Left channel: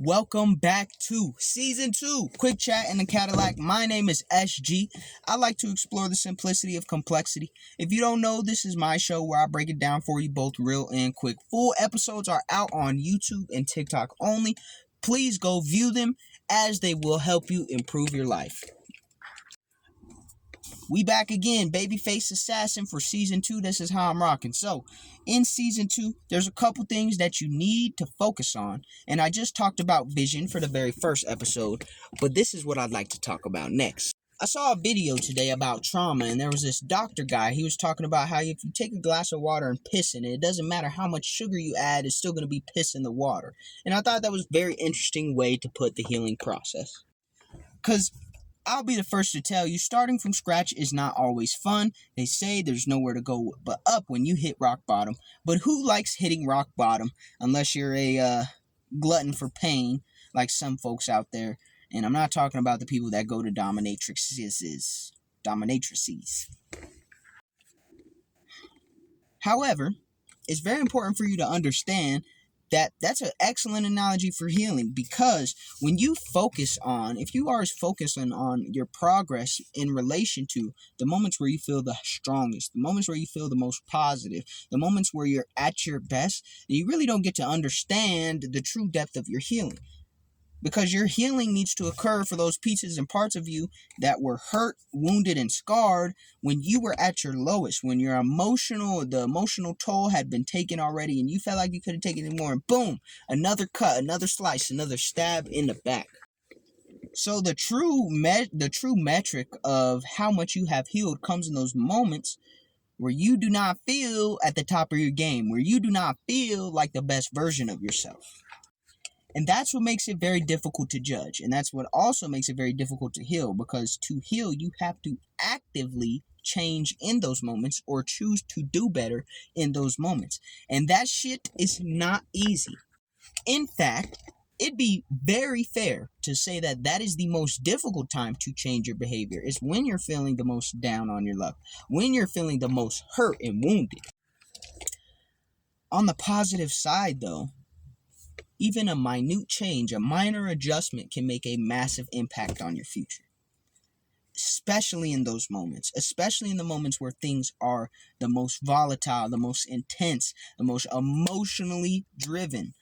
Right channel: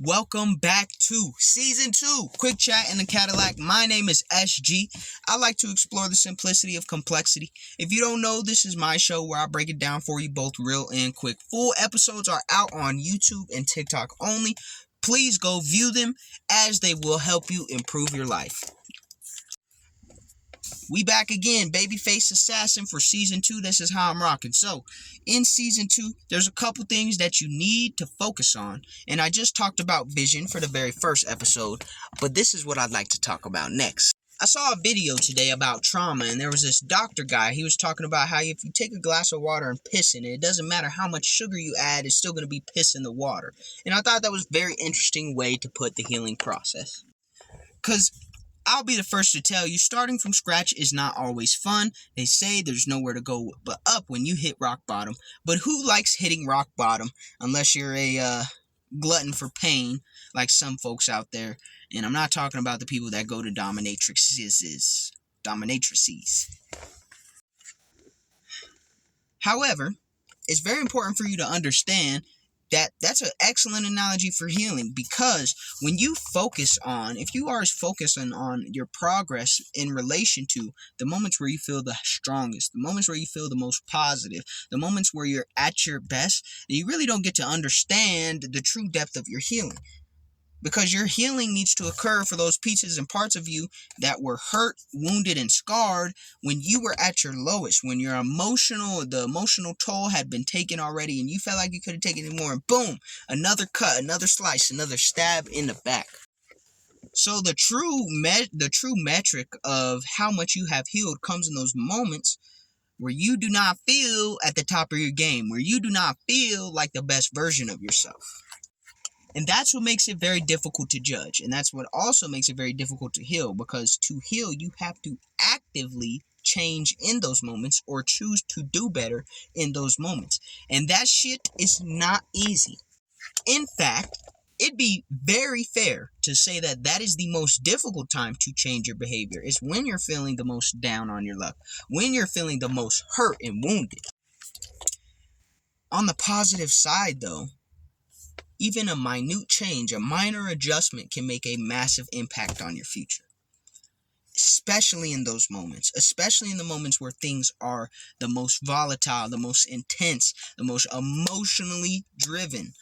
Welcome back to Season 2, Quick Chat in the Cadillac. My name is SG. I like to explore the simplicity of complexity. If you don't know, this is my show where I break it down for you both real and quick. Full episodes are out on YouTube and TikTok only. Please go view them as they will help you improve your life. We back again, Babyface Assassin for Season 2. This is how I'm rocking. So, in Season 2, there's a couple things that you need to focus on. And I just talked about vision for the very first episode, but this is what I'd like to talk about next. I saw a video today about trauma, and there was this doctor guy. He was talking about how if you take a glass of water and piss in it, it doesn't matter how much sugar you add, it's still going to be piss in the water. And I thought that was a very interesting way to put the healing process. Because I'll be the first to tell you, starting from scratch is not always fun. They say there's nowhere to go but up when you hit rock bottom. But who likes hitting rock bottom unless you're a glutton for pain like some folks out there? And I'm not talking about the people that go to dominatrices. However, it's very important for you to understand that that's an excellent analogy for healing, because when you focus on, if you are focusing on your progress in relation to the moments where you feel the strongest, the moments where you feel the most positive, the moments where you're at your best, you really don't get to understand the true depth of your healing. Because your healing needs to occur for those pieces and parts of you that were hurt, wounded, and scarred when you were at your lowest, when the emotional toll had been taken already and you felt like you couldn't take it anymore, and boom, another cut, another slice, another stab in the back. So the true metric of how much you have healed comes in those moments where you do not feel at the top of your game, where you do not feel like the best version of yourself. And that's what makes it very difficult to judge. And that's what also makes it very difficult to heal. Because to heal, you have to actively change in those moments or choose to do better in those moments. And that shit is not easy. In fact, it'd be very fair to say that that is the most difficult time to change your behavior. It's when you're feeling the most down on your luck. When you're feeling the most hurt and wounded. On the positive side, though, even a minute change, a minor adjustment can make a massive impact on your future. Especially in those moments. Especially in the moments where things are the most volatile, the most intense, the most emotionally driven.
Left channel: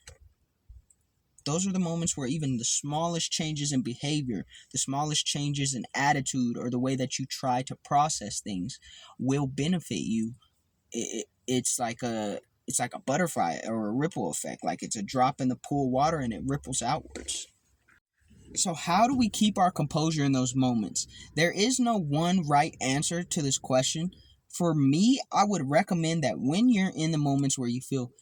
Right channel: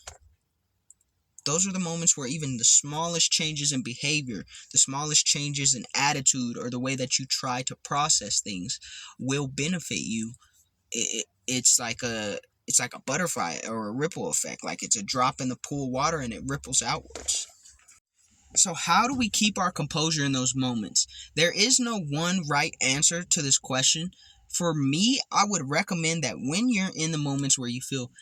Those are the moments where even the smallest changes in behavior, the smallest changes in attitude, or the way that you try to process things will benefit you. It's like a butterfly or a ripple effect. Like it's a drop in the pool of water and it ripples outwards. So how do we keep our composure in those moments? There is no one right answer to this question. For me, I would recommend that when you're in the moments where you feel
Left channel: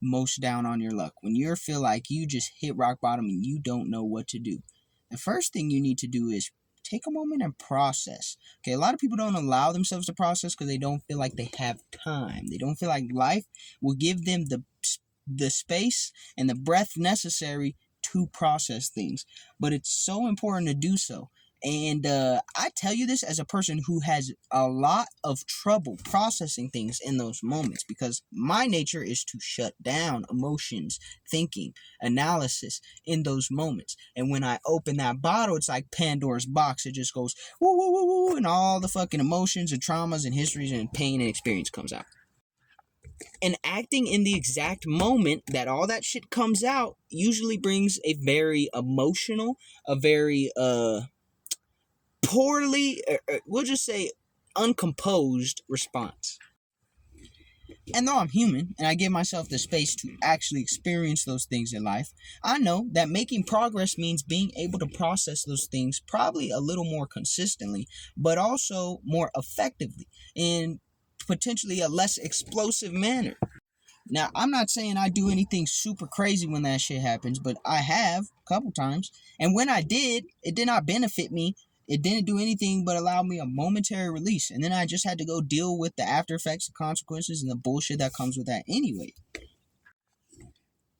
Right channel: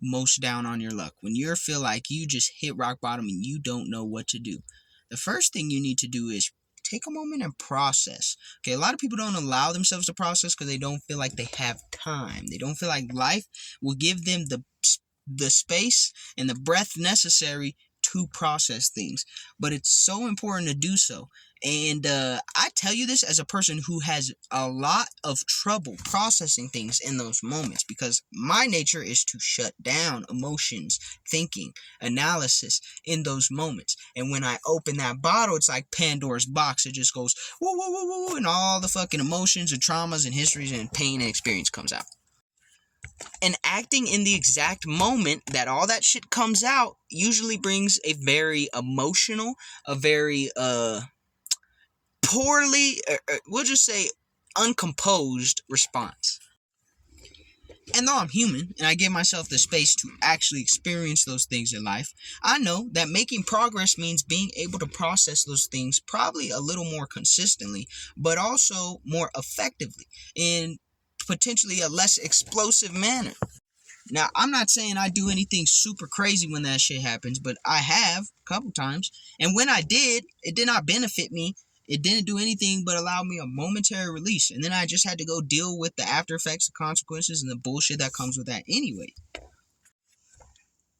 most down on your luck, when you feel like you just hit rock bottom and you don't know what to do, the first thing you need to do is take a moment and process. Okay, a lot of people don't allow themselves to process because they don't feel like they have time. They don't feel like life will give them the space and the breath necessary to process things. But it's so important to do so. And I tell you this as a person who has a lot of trouble processing things in those moments, because my nature is to shut down emotions, thinking, analysis in those moments. And when I open that bottle, it's like Pandora's box. It just goes woo, woo, woo, woo, and all the fucking emotions and traumas and histories and pain and experience comes out. And acting in the exact moment that all that shit comes out usually brings a very emotional, a very poorly, we'll just say uncomposed response. And though I'm human and I give myself the space to actually experience those things in life, I know that making progress means being able to process those things probably a little more consistently, but also more effectively in potentially a less explosive manner. Now, I'm not saying I do anything super crazy when that shit happens, but I have a couple times. And when I did, it did not benefit me. It didn't do anything but allow me a momentary release. And then I just had to go deal with the after effects, the consequences, and the bullshit that comes with that anyway.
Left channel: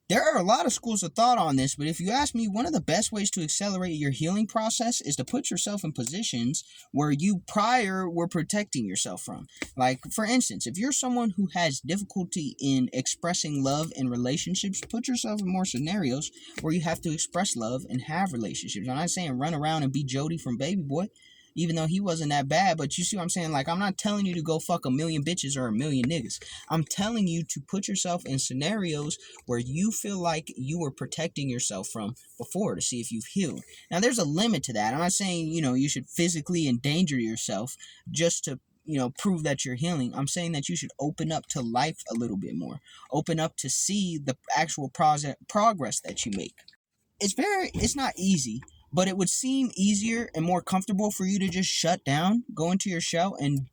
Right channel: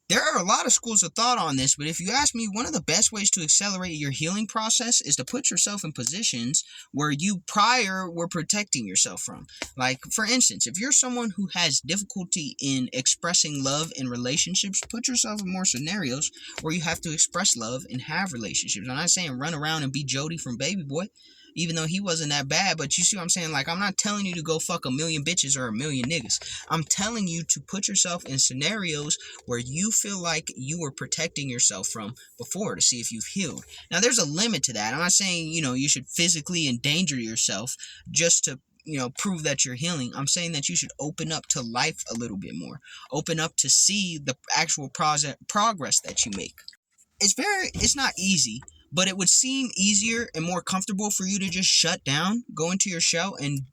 There are a lot of schools of thought on this, but if you ask me, one of the best ways to accelerate your healing process is to put yourself in positions where you prior were protecting yourself from. Like, for instance, if you're someone who has difficulty in expressing love in relationships, put yourself in more scenarios where you have to express love and have relationships. I'm not saying run around and be Jody from Baby Boy, even though he wasn't that bad, but you see what I'm saying? Like, I'm not telling you to go fuck a million bitches or a million niggas. I'm telling you to put yourself in scenarios where you feel like you were protecting yourself from before to see if you've healed. Now, there's a limit to that. I'm not saying, you should physically endanger yourself just to, prove that you're healing. I'm saying that you should open up to life a little bit more. Open up to see the actual progress that you make. It's not easy, but it would seem easier and more comfortable for you to just shut down, go into your shell, and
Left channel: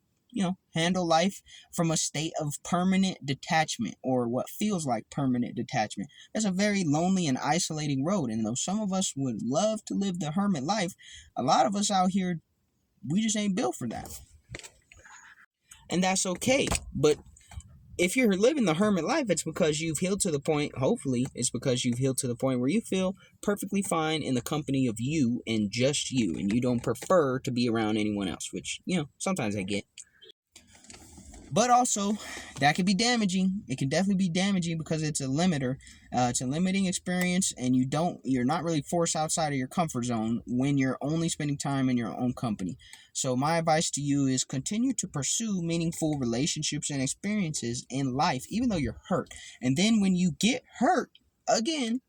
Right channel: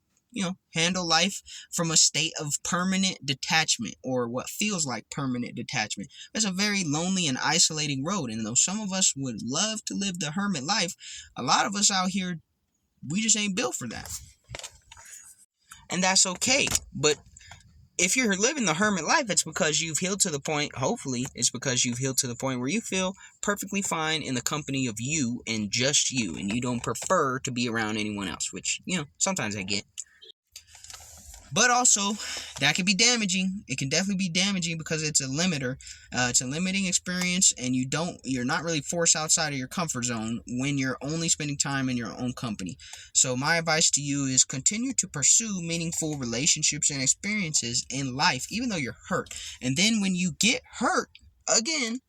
handle life from a state of permanent detachment, or what feels like permanent detachment. That's a very lonely and isolating road, and though some of us would love to live the hermit life, a lot of us out here, we just ain't built for that. And that's okay, but if you're living the hermit life, it's because you've healed to the point, hopefully, it's because you've healed to the point where you feel perfectly fine in the company of you and just you, and you don't prefer to be around anyone else, which, sometimes I get. But also, that can be damaging. It can definitely be damaging because it's a limiter. It's a limiting experience, and you're not really forced outside of your comfort zone when you're only spending time in your own company. So my advice to you is continue to pursue meaningful relationships and experiences in life, even though you're hurt. And then when you get hurt, again,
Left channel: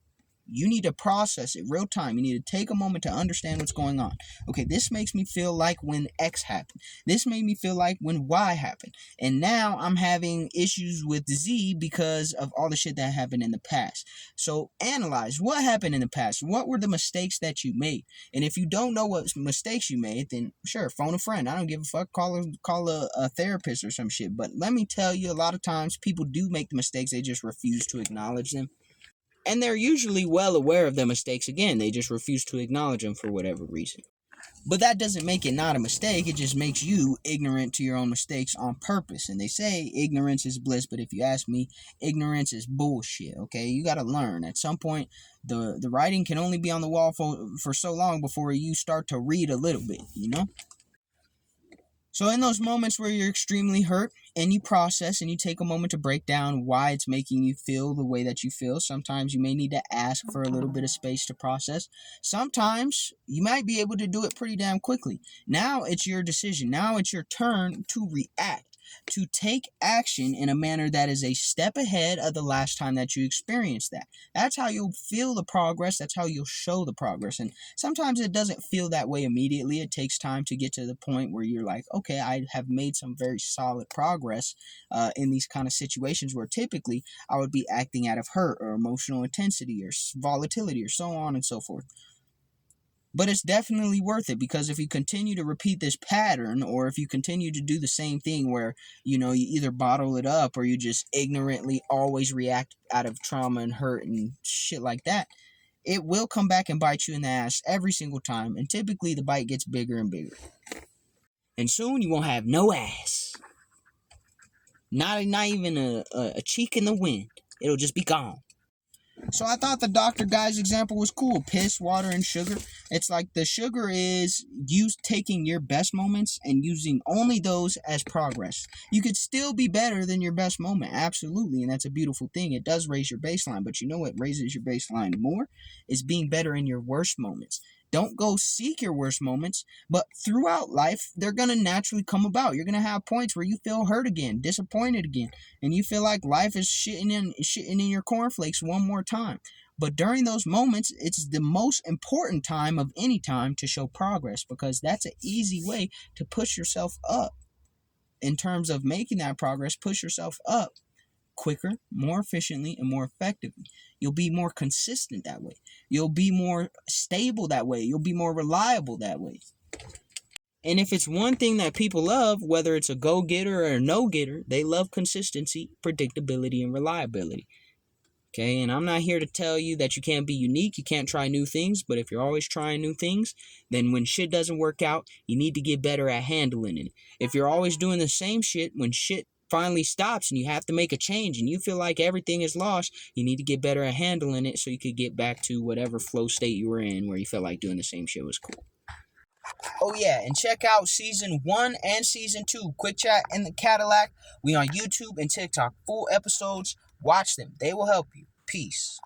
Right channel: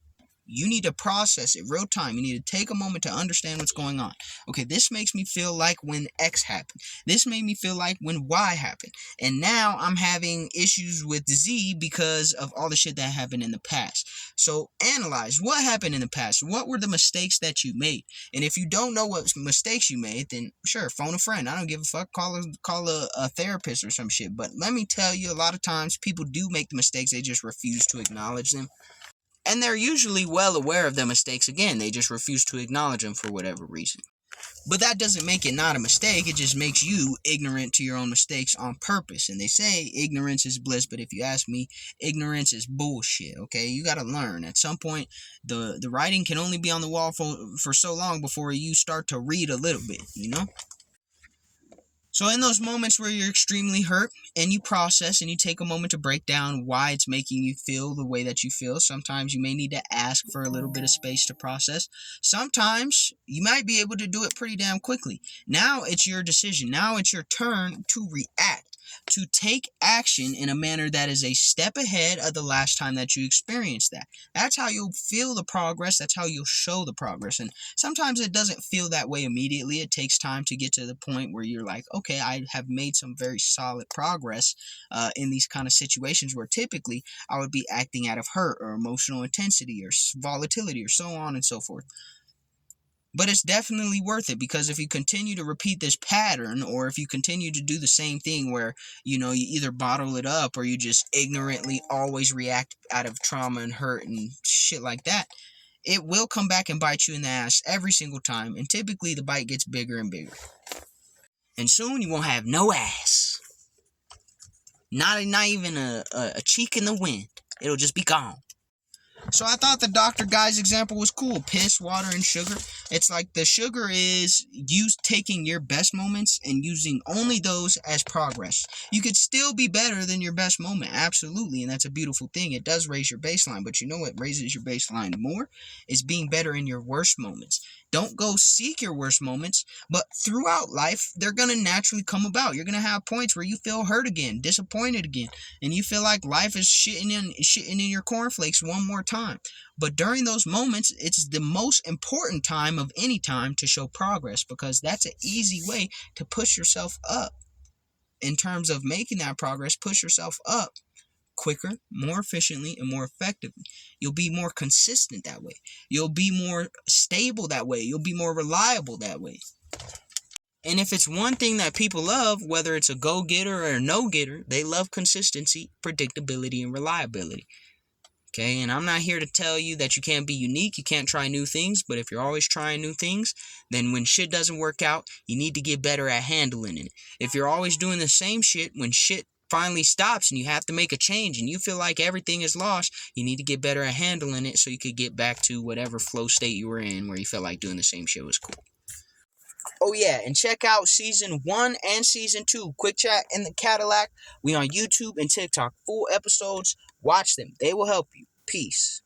you need to process it real time. You need to take a moment to understand what's going on. Okay, this makes me feel like when X happened. This made me feel like when Y happened. And now I'm having issues with Z because of all the shit that happened in the past. So analyze what happened in the past. What were the mistakes that you made? And if you don't know what mistakes you made, then sure, phone a friend. I don't give a fuck. Call a therapist or some shit. But let me tell you, a lot of times people do make the mistakes. They just refuse to acknowledge them. And they're usually well aware of their mistakes. Again, they just refuse to acknowledge them for whatever reason. But that doesn't make it not a mistake. It just makes you ignorant to your own mistakes on purpose. And they say ignorance is bliss, but if you ask me, ignorance is bullshit, okay? You got to learn. At some point, the writing can only be on the wall for so long before you start to read a little bit, So in those moments where you're extremely hurt and you process and you take a moment to break down why it's making you feel the way that you feel, sometimes you may need to ask for a little bit of space to process. Sometimes you might be able to do it pretty damn quickly. Now it's your decision. Now it's your turn to react, to take action in a manner that is a step ahead of the last time that you experienced that. That's how you'll feel the progress. That's how you'll show the progress. And sometimes it doesn't feel that way immediately. It takes time to get to the point where you're like, okay, I have made some very solid progress in these kind of situations where typically I would be acting out of hurt or emotional intensity or volatility or so on and so forth. But it's definitely worth it, because if you continue to repeat this pattern, or if you continue to do the same thing where, you either bottle it up or you just ignorantly always react out of trauma and hurt and shit like that, it will come back and bite you in the ass every single time. And typically the bite gets bigger and bigger. And soon you won't have no ass. Not even a cheek in the wind. It'll just be gone. So I thought the Dr. Guy's example was cool. Piss, water, and sugar. It's like the sugar is you taking your best moments and using only those as progress. You could still be better than your best moment, absolutely, and that's a beautiful thing. It does raise your baseline, but you know what raises your baseline more? Is being better in your worst moments. Don't go seek your worst moments, but throughout life, they're going to naturally come about. You're going to have points where you feel hurt again, disappointed again, and you feel like life is shitting in your cornflakes one more time. But during those moments, it's the most important time of any time to show progress, because that's an easy way to push yourself up. In terms of making that progress, push yourself up quicker, more efficiently, and more effectively. You'll be more consistent that way. You'll be more stable that way. You'll be more reliable that way. And if it's one thing that people love, whether it's a go-getter or a no-getter, they love consistency, predictability, and reliability. Okay, and I'm not here to tell you that you can't be unique, you can't try new things, but if you're always trying new things, then when shit doesn't work out, you need to get better at handling it. If you're always doing the same shit, when shit finally stops and you have to make a change and you feel like everything is lost, you need to get better at handling it so you could get back to whatever flow state you were in where you felt like doing the same shit was cool. Oh yeah, and check out season 1 and season 2, Quick Chat in the Cadillac. We on YouTube and TikTok. Full episodes. Watch them. They will help you. Peace.